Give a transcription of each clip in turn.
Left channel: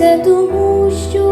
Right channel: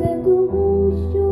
це тому, що.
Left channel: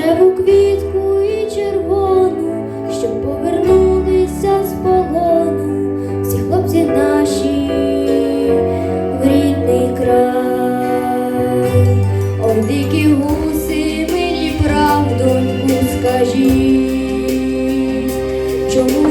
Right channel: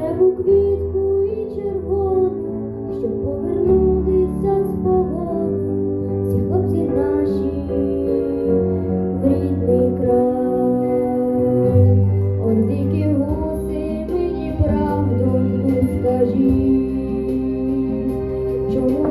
рожеву квітку і червону, щоб повернулися з полону, всі хлопці наші в рідний край, о дикі гуси, мені правду скажіть, чому?